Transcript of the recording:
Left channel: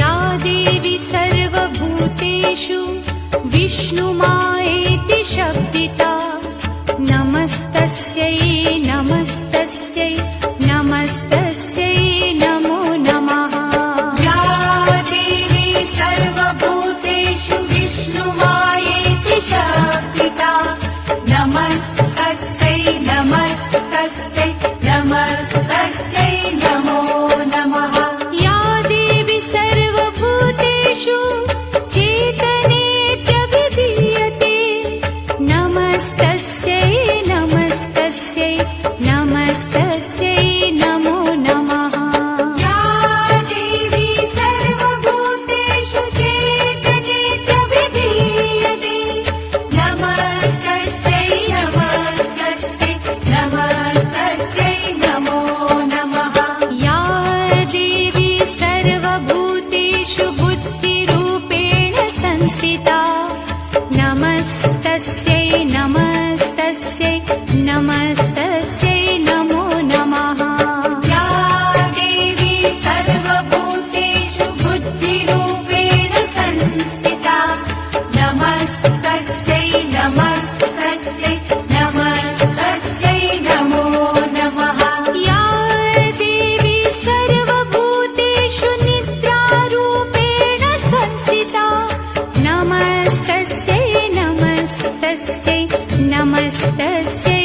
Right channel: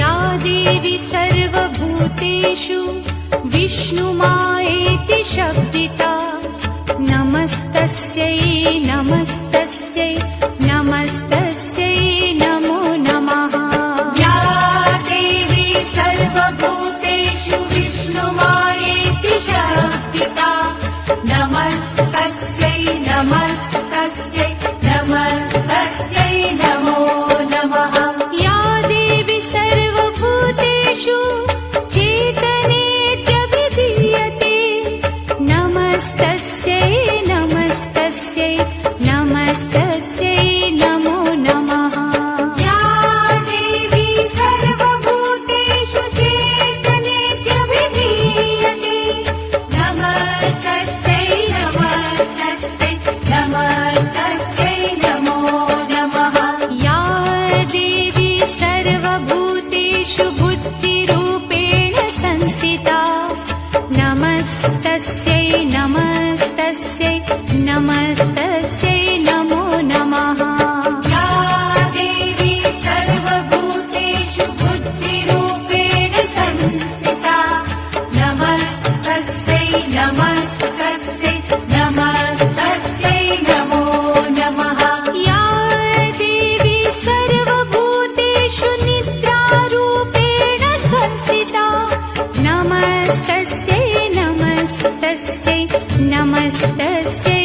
या देवी सर्वभूतेषु विष्णुमायेति शब्दिता नमस्तस्यै नमस्तस्यै नमस्तस्यै नमो नमः। या देवी सर्वभूतेषु विष्णुमायेति शब्दिता नमस्तस्यै नमस्तस्यै नमस्तस्यै नमो नमः। या देवी सर्वभूतेषु चेतनेत्यभिधीयते नमस्तस्यै नमस्तस्यै नमस्तस्यै नमो नमः। या देवी सर्वभूतेषु चेतनेत्यभिधीयते नमस्तस्यै नमस्तस्यै नमस्तस्यै नमो नमः। या देवी सर्वभूतेषु बुद्धिरूपेण संस्थिता नमस्तस्यै नमस्तस्यै नमस्तस्यै नमो नमः। या देवी सर्वभूतेषु बुद्धिरूपेण संस्थिता नमस्तस्यै नमस्तस्यै नमस्तस्यै नमो नमः। या देवी सर्वभूतेषु निद्रारूपेण संस्थिता नमस्तस्यै नमस्तस्यै नमस्तस्यै